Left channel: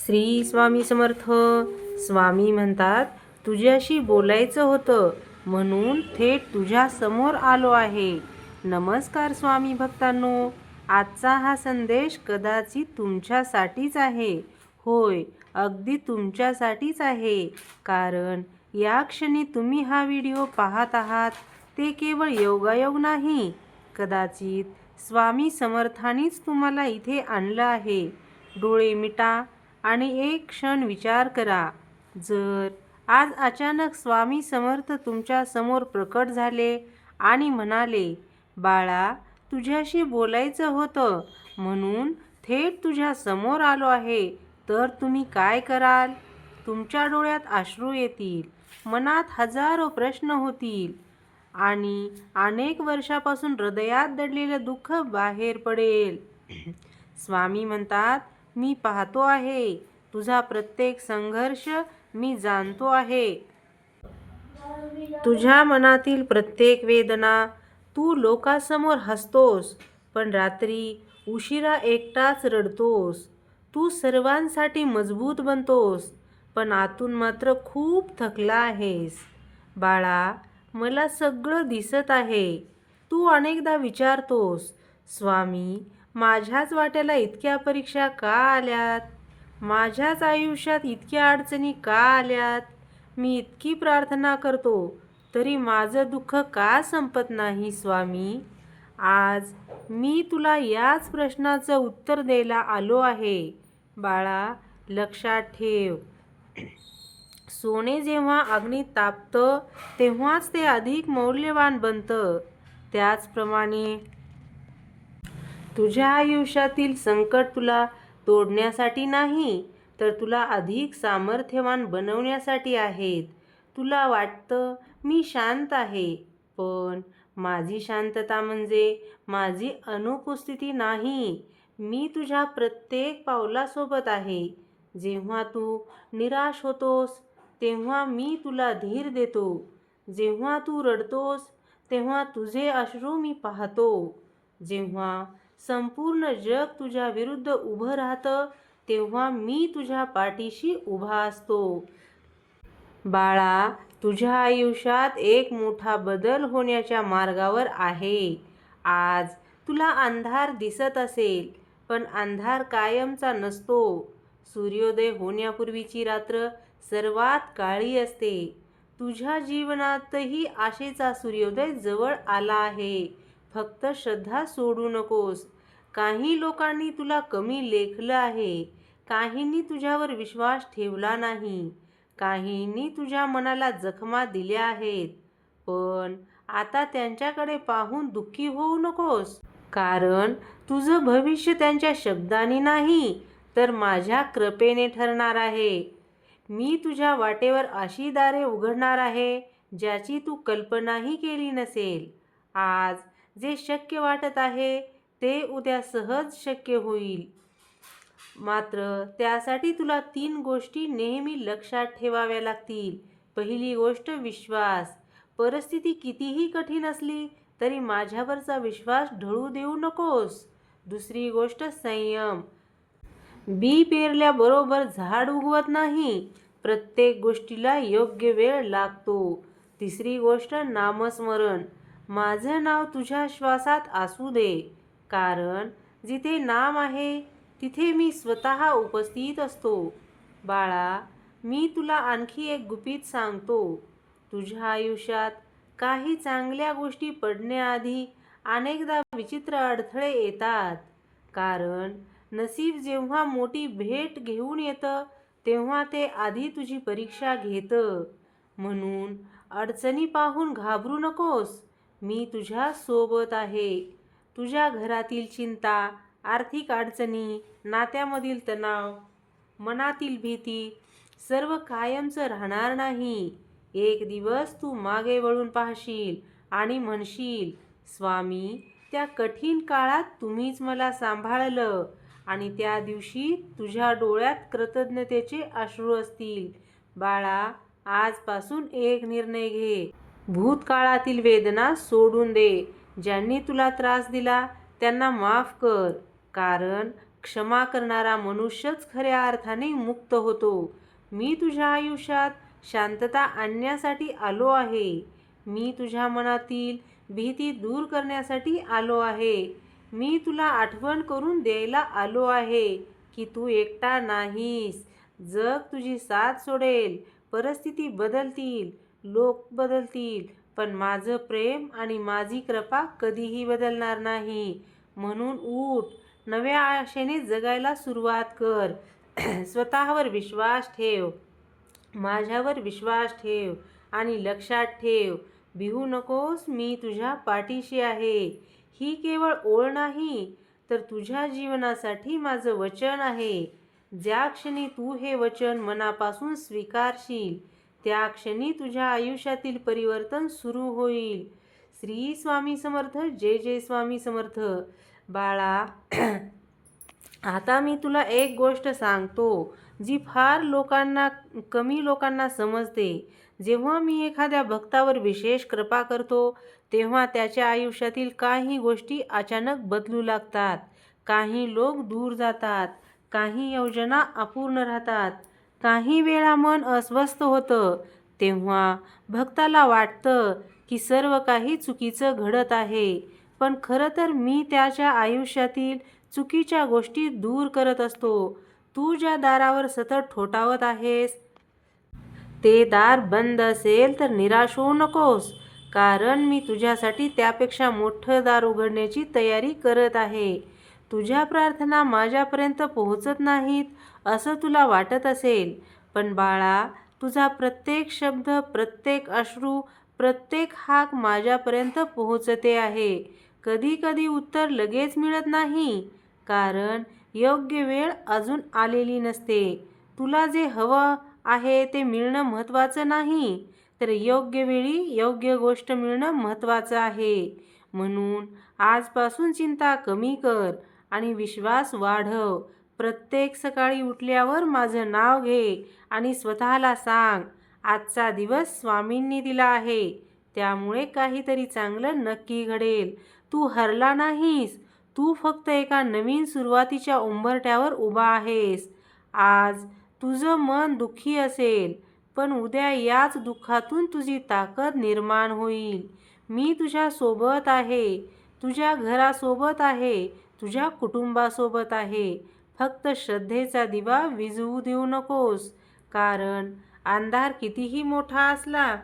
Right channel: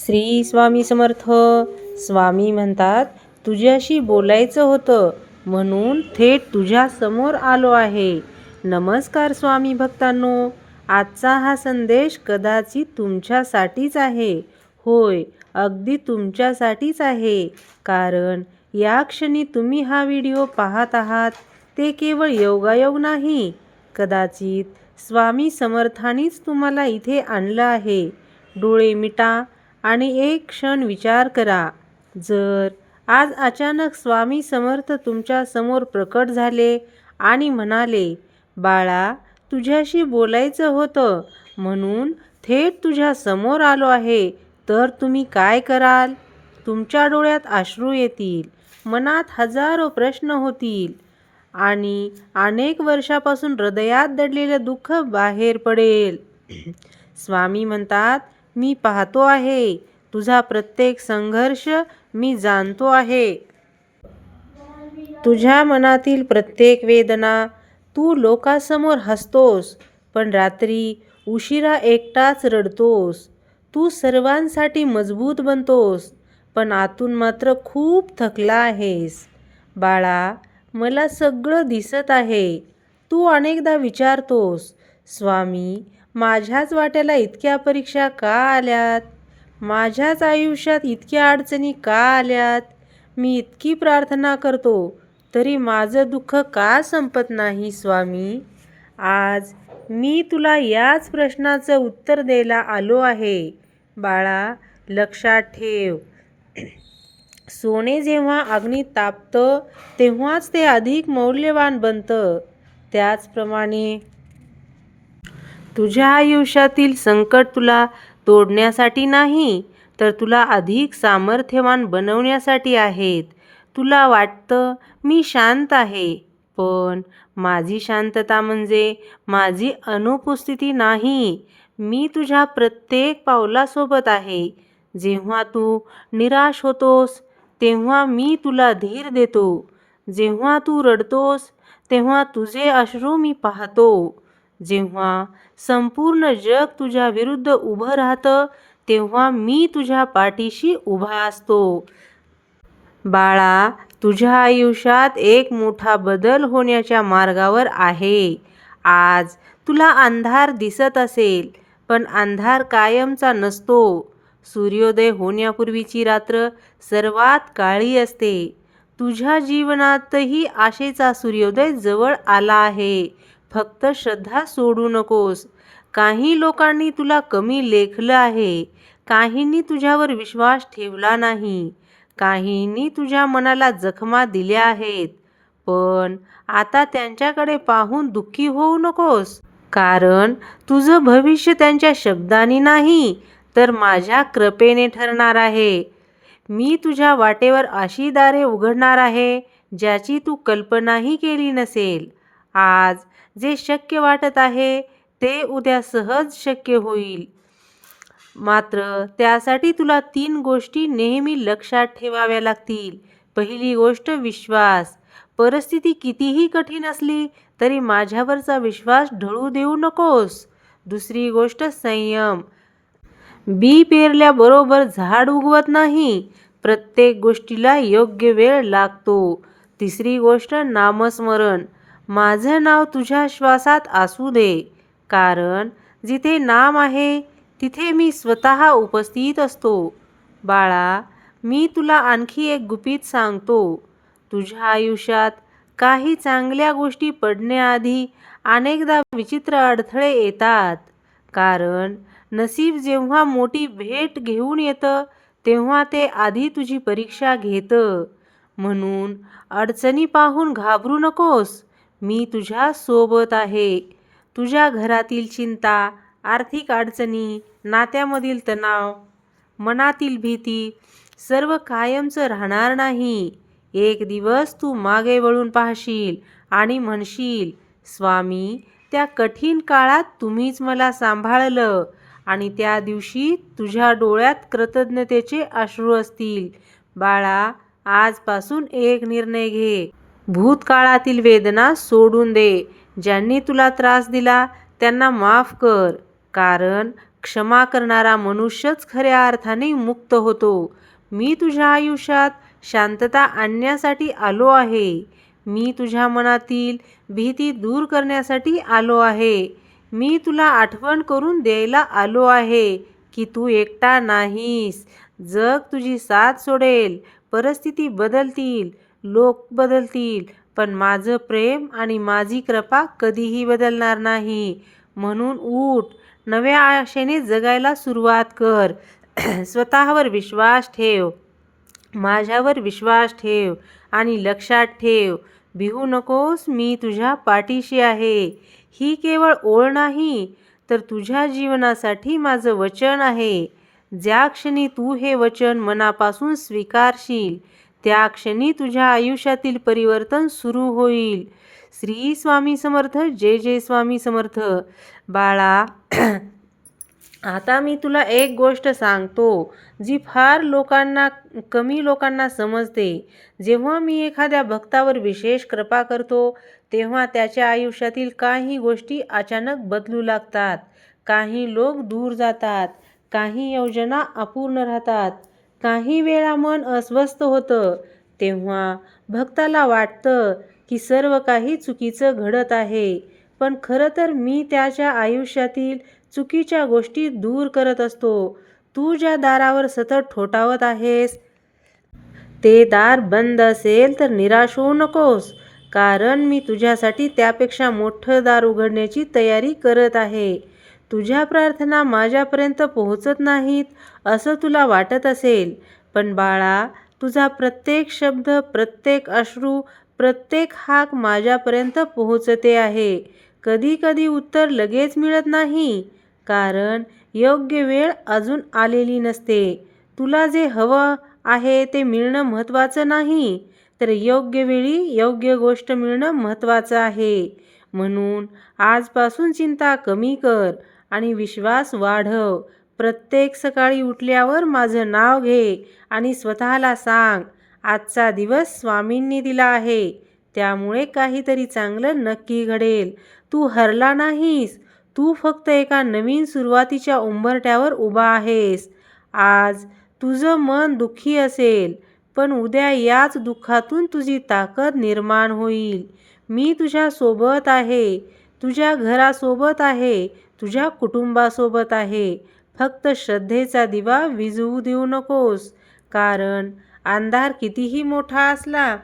श्री स्वामी समर्थ. स्वामी म्हणतात, तुझ्याशी बोलायचं होतं म्हणून थेट तुझ्या समोर आलो आहे. नमस्कार स्वामी भक्तांनो. आजचा हा संदेश कदाचित तुमच्यासाठीच आहे. होय, अगदी तुमच्यासाठीच आहे. कारण या क्षणी तुम्ही हा व्हिडिओ पाहत आहात ते केवळ योगायोग नाही. कदाचित स्वामी समर्थांनीच तुम्हाला इथे आणलं आहे. डोळे मिटा आणि एक क्षण विचार करा. जर आज अचानक स्वामी समर्थ तुमच्या समोर प्रकट झाले आणि म्हणाले, बाळा, तुझ्याशी बोलायचं होतं म्हणून थेट तुझ्या समोर आलो आहे, तर तुम्ही काय कराल? तुमच्या डोळ्यात अश्रू येतील, मनात हजारो प्रश्न होतील आणि अनेक वर्षापासून हृदयात दडलेलं दुःख बाहेर पडेल. स्वामी म्हणतात, मी पाहतो आहे. तुझा प्रत्येक संघर्ष मी जाणतो आहे. तुझ्या मनातील प्रत्येक वेदना. तू लोकांसमोर हसतोस, पण रात्री उशिरा एकटाच रडतोस. तू सर्वांसाठी मजबूत बनतोस, पण आतून मात्र खूप थकला आहेस. बाळा, मला सगळं दिसत आहे. तू अनेकदा विचारतोस, स्वामी, माझ्याच वाट्याला इतक्या परीक्षा का आल्यात? माझ्याच आयुष्यात इतक्या अडचणी का आल्यात? मी इतकी प्रार्थना करतो तरी माझं दुःख का संपत नाही स्वामी? आज मी तुला याच प्रश्नाचं उत्तर द्यायला आलो आहे. बाळा, लक्षात ठेव, सोने जेव्हा अग्नीत तापतं तेव्हाच ते अधिक मौल्यवान बनतं. त्याचप्रमाणे तुझ्या आयुष्यातील संकट तुला तोडण्यासाठी नाही, तर तुला अधिक सामर्थ्यवान बनवण्यासाठी आहेत. तुला वाटतं मी शांत आहे, पण माझी शांतता म्हणजे माझी अनुपस्थिती नाही. मी तुझ्या प्रत्येक पावलासोबत आहे. जेव्हा तू निराश होतोस तेव्हा मी तुला धीर देतो. जेव्हा तू रडतोस तेव्हा तुझे अश्रू मी पाहतो. जेव्हा संपूर्ण जग तुझ्या विरुद्ध उभं राहतं तेव्हा मी तुझ्या पाठीशी उभा असतो. बाळा, तुझ्या आयुष्यात एक मोठा बदल होण्याच्या मार्गावर आहे. आज तुला अंधार दिसत असेल, पण अंधार कायमचा नसतो. सूर्योदय होण्यापूर्वीची रात्र सर्वात काळी असते. तुझ्या जीवनातही आशेचा सूर्योदय जवळ आला आहे. फक्त श्रद्धा सोडू नकोस. काही लोकांनी तुला कमी लेखलं आहे. काहींनी तुझ्यावर विश्वास ठेवला नाही. काहींनी तुझ्या मनाला जखमा दिल्या आहेत. पण आता त्यांच्याकडे पाहून दुःखी होऊ नकोस. कारण तुझं भविष्य त्यांच्या शब्दांनी नाही, तर माझ्या कृपेने ठरणार आहे. मी तुझ्या वाटेवर अशी दारे उघडणार आहे ज्याची तू कल्पनाही केली नसेल. आज जे शक्य वाटत आहे ते उद्या सहज शक्य होईल. मात्र त्यासाठी तुला 3 गोष्टी नेहमी लक्षात ठेवाव्या लागतील. पहिली गोष्ट विश्वास. परिस्थिती कितीही कठीण असली तरी माझ्यावरचा विश्वास ढळू देऊ नकोस. दुसरी गोष्ट संयम. बी पेरल्याबरोबर झाड उगवत नाही. प्रत्येक गोष्टीला योग्य वेळ लागतो. तिसरी गोष्ट नामस्मरण. माझं नाव तुझ्या श्वासात असू दे. कारण जिथे नाम आहे तिथे मी स्वतः उपस्थित असतो. बाळा, मी तुला आणखी एक गुपित सांगतो. तुझ्या आयुष्यात काही चांगल्या गोष्टी पडण्याआधी अनेकदा विचित्र अडथळे येतात. कारण नशीब जेव्हा मोठी भेट घेऊन येतं तेव्हा ते आधी तुझी परीक्षा घेतं. म्हणून अडचणी पाहून घाबरू नकोस. मी तुझ्या सोबत आहे. तुझ्या घरातील चिंता, आर्थिक अडचणी, नात्यामधील तणाव, मनातील भीती सर्व कायमचं राहणार नाही. एक दिवस तू मागे वळून पाहशील आणि म्हणशील, स्वामी, त्या कठीण काळात तुम्हीच मला सांभाळलं. आणि त्या दिवशी तुझ्या डोळ्यात कृतज्ञतेचे अश्रू असतील. बाळा, आजपासून एक निर्णय घे. भूतकाळातील वेदना सोडून दे. ज्यांनी तुला त्रास दिला त्यांना माफ कर. कारण क्षमा करणारा मनुष्यच खऱ्या अर्थाने मुक्त होतो. मी तुझ्या आयुष्यात शांतता आणण्यासाठी आलो आहे. मी तुझ्या मनातील भीती दूर करण्यासाठी आलो आहे. मी तुला आठवण करून द्यायला आलो आहे की तू एकटा नाहीस. जग तुझी साथ सोडेल, परिस्थिती बदलतील, लोक बदलतील, पण माझं प्रेम आणि माझी कृपा कधीही बदलणार नाही. म्हणून उठ, नव्या आशेने जगायला सुरुवात कर. स्वतःवर विश्वास ठेव, माझ्यावर विश्वास ठेव आणि लक्षात ठेव, भिवू नकोस, मी तुझ्या पाठीशी आहे. ही केवळ ओळ नाही, तर तुझ्या जीवनासाठी माझं वचन आहे. ज्या क्षणी तू हे वचन मनापासून स्वीकारशील, त्या क्षणी तुझ्या आयुष्यातील परिवर्तन सुरू होईल. श्री स्वामी समर्थ. जय जय स्वामी समर्थ. बाळा, आता मी तुला एक गोष्ट सांगतो जी फार कमी लोकांना समजते. जेव्हा मी एखाद्या भक्तावर विशेष कृपा करतो, तेव्हा त्याच्या आयुष्यातील काही गोष्टी अचानक बदलू लागतात. काही लोक दूर जातात, काही योजना अपूर्ण राहतात, काही वेळा मन अस्वस्थ होतं. तेव्हा भक्ताला वाटतं की सर्व काही चुकीचं घडत आहे, पण खरं तर मी त्याच्या आयुष्यातील चुकीच्या गोष्टी दूर करत असतो. तू ज्या दारावर सतत ठोठावत आहेस, ते दार बंद असेल तर निराश होऊ नकोस, कारण मी तुझ्यासाठी त्यापेक्षा मोठं दार उघडण्याची तयारी करत आहे. तुझ्या प्रार्थना माझ्यापर्यंत पोहोचत नाहीत असं तुला वाटत असेल, पण बाळा, तुझा प्रत्येक शब्द, प्रत्येक अश्रू, प्रत्येक हाक माझ्यापर्यंत पोहोचते आहे. कधी कधी उत्तर लगेच मिळत नाही, कारण योग्य वेळ अजून आलेली नसते. तुला जे हवं आहे ते मिळणं महत्त्वाचं नाही, तर योग्य वेळी योग्य गोष्ट मिळणं महत्त्वाचं आहे. म्हणून आजपासून चिंता कमी कर आणि विश्वास वाढव. प्रत्येक सकाळी उठल्यावर माझं नाव घे आणि स्वतःला सांग, आजचा दिवस स्वामींनी दिला आहे, त्यामुळे काहीतरी चांगलं नक्की घडेल. तू हरला नाहीस, तू फक्त एका नवीन सुरुवातीच्या उंबरठ्यावर उभा आहेस. आज तुझं मन दुःखी असेल, पण उद्या याच दुःखातून तुझी ताकद निर्माण होईल. मी तुझ्यासोबत आहे, तुझ्या घरासोबत आहे, तुझ्या कुटुंबासोबत आहे. फक्त श्रद्धेचा दिवा विझवू देऊ नकोस, कारण अंधार कितीही मोठा असला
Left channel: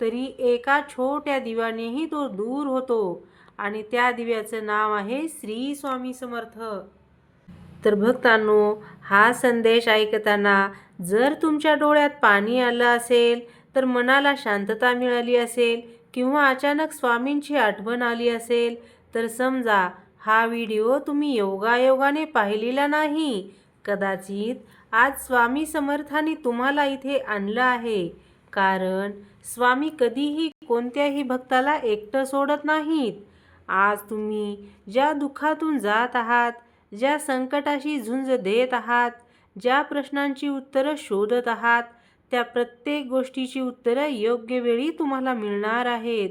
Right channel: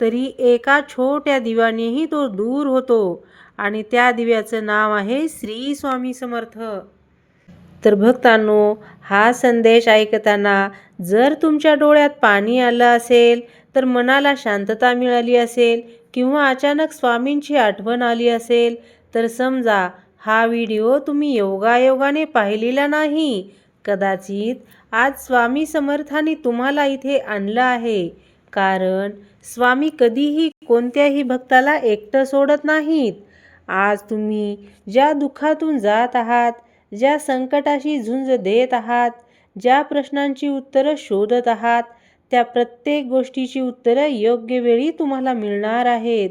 तरी एका छोट्या दिव्यानेही तो दूर होतो, आणि त्या दिव्याचं नाव आहे श्री स्वामी समर्थ. तर भक्तांनो, हा संदेश ऐकताना जर तुमच्या डोळ्यात पाणी आलं असेल, तर मनाला शांतता मिळाली असेल, किंवा अचानक स्वामींची आठवण आली असेल, तर समजा हा व्हिडिओ तुम्ही योगायोगाने पाहिलेला नाही. कदाचित आज स्वामी समर्थांनी तुम्हाला इथे आणलं आहे, कारण स्वामी कधीही कोणत्याही भक्ताला एकटं सोडत नाहीत. आज तुम्ही ज्या दुःखातून जात आहात, ज्या संकटाशी झुंज देत आहात, ज्या प्रश्नांची उत्तरं शोधत आहात, त्या प्रत्येक गोष्टीची उत्तरं योग्य वेळी तुम्हाला मिळणार आहेत.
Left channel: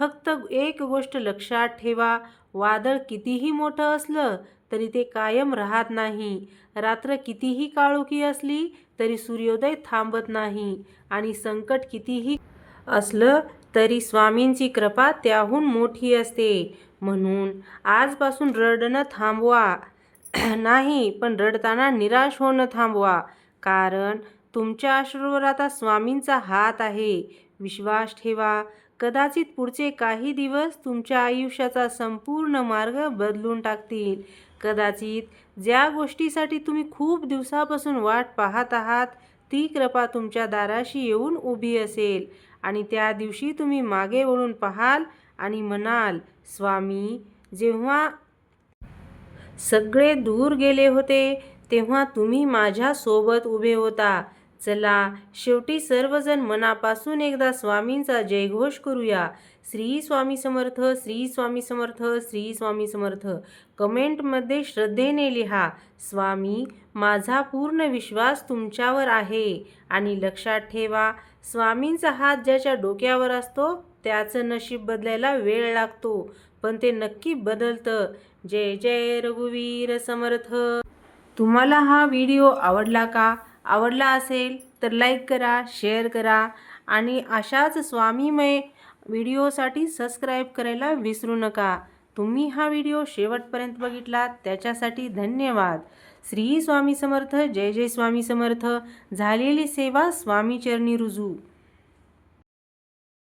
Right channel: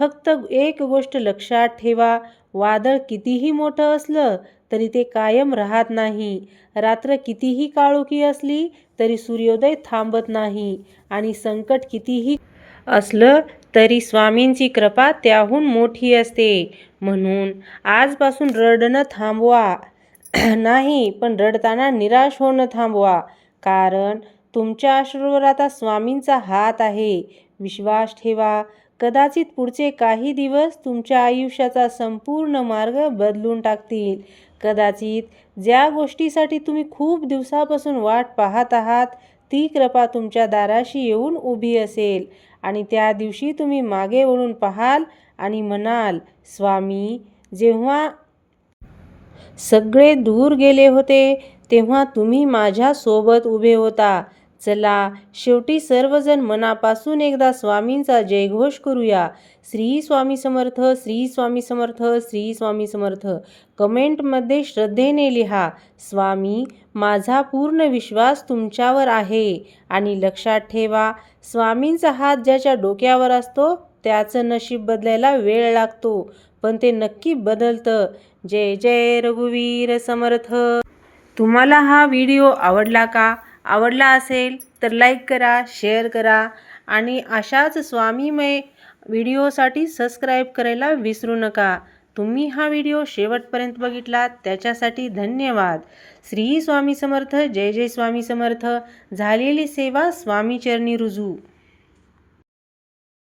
फक्त एक गोष्ट लक्षात ठेवा, वादळ कितीही मोठं असलं तरी ते कायम राहत नाही. रात्र कितीही काळोखी असली तरी सूर्योदय थांबत नाही, आणि संकट कितीही असलं तरी स्वामींची कृपा त्याहून मोठी असते. म्हणून आजपासून रडणं थांबवा. नाही, पण रडताना निराश होणं थांबवा, कारण तुमच्या अश्रूवर आता स्वामींचा हात आहे. विश्वास ठेवा, कदाचित पुढचे काही दिवस तुमच्या आयुष्याचा संपूर्ण मार्ग बदलून टाकतील. कदाचित ज्या गोष्टीसाठी तुम्ही खूप दिवसापासून वाट पाहत आहात, ती कृपा तुमच्या दाराशी येऊन उभी असेल, आणि त्या दिवशी तुम्ही मागे वळून पाहाल आणि म्हणाल, स्वामी, जेव्हा सगळे दूर गेले होते तेव्हा तुम्ही माझ्या सोबत उभे होता. चला, शेवटी सर्वजण मनापासून एकदा स्वामींचा जयघोष करूया. श्री स्वामी समर्थ, श्री स्वामी समर्थ, श्री स्वामी समर्थ. कमेंटमध्ये श्रद्धेने लिहा, स्वामी, माझा पूर्ण विश्वास तुमच्यावर आहे. आणि लक्षात ठेवा, स्वामींचा हात ज्याच्या डोक्यावर असतो त्याचं नशीब बदलायला वेळ लागतो, पण ते नक्की बदलतं. जय जय रघुवीर समर्थ. तुम्हाला हा व्हिडिओ आवडला का? आवडला असेल तर लाईक करा, शेअर करा आणि अशाच स्वामीमय व्हिडिओसाठी सबस्क्राईब करायला विसरू नका. तुम्ही हा व्हिडिओ शेवटपर्यंत बघितलात त्याच्यासाठी धन्यवाद. श्री स्वामी समर्थ. जय जय स्वामी समर्थ. झालेली सेवा स्वामी चरणी रुजू.